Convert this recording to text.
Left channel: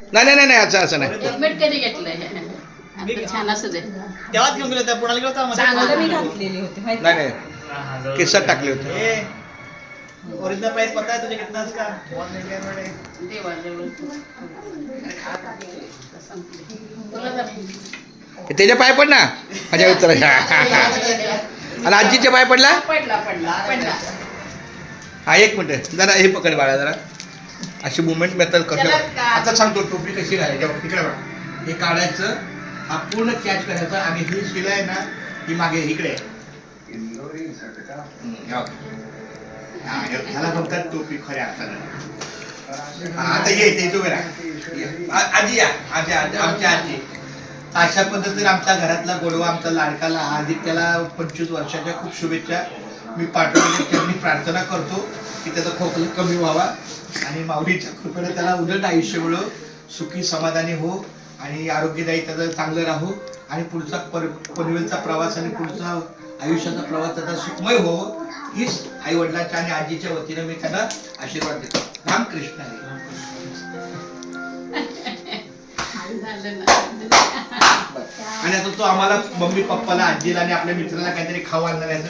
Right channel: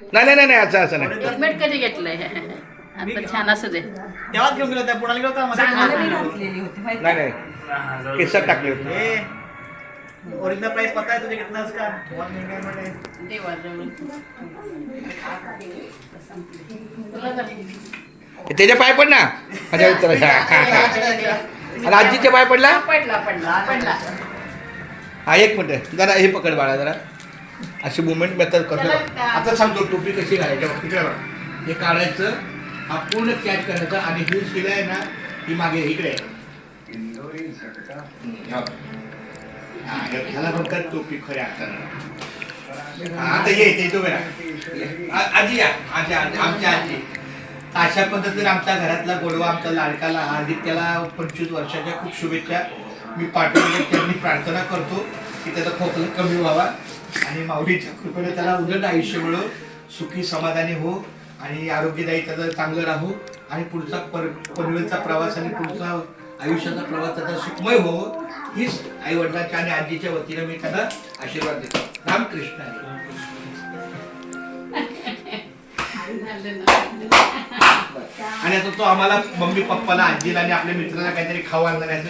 नाही नाही नाही असं नाही. हेल्मेट कधी घेतलंय? आता छान असू दे. तेव्हाच घेऊन गेलो त्या पुण्याला गेलो होता चांगलं मी घातलेली होती माहिती नाही नाही केसात टाकले होते. ओरिजिनल प्राइस पता है तुझे कितना इसका? बहुत महंगा है मैंने. देवाजवळ. तुला त्याच्या पाय पड ना माझ्या मित्राच्या. आणि आजीच्या पाय पडला. पडला. हा एक मिनिट जरा हे पकड बाळा जरा. अशी मुवमेंट मेथड कसं आता सांगतो. टोपी कशी घालायची बघ तिकडे बघ. हे काढायचं हा पूर्ण कॅच करायचा आणि ही शिलाई आहे ना ही मागे इकडे ह्याला म्हणतात टोपी खऱ्या अर्थानं. आता ये तू बघा आजी या आमच्या आजी. अशा पद्धतीने आमच्या घरातला गोडवा आमचा लाडकाला आदित्याला 25 वर्षाच्या खूप शुभेच्छा मी पाठवल्या. त्यांनी प्रार्थना करतो की त्याचा खोकला कमी व्हावा आणि माऊलीच्या कृपेने त्याला उलट आयुष्य मिळो, सुखी समाधानी हो आणि आरोग्यदायी त्याचं चांगलं राहू आणि पुढचा पनवेलचा प्रवास आणि पुढचा आयुष्याचा प्रवास त्याचा सुखमय हो हीच आई वडिलांच्या आणि आजीच्या वतीनं मी त्यांना आशीर्वाद देतो. रामकृष्ण हरी. आणि आता तो आम्हाला मम्मी पप्पाला आजीला आणि आपल्या मित्राला काहीतरी खाऊ आणणार आहे.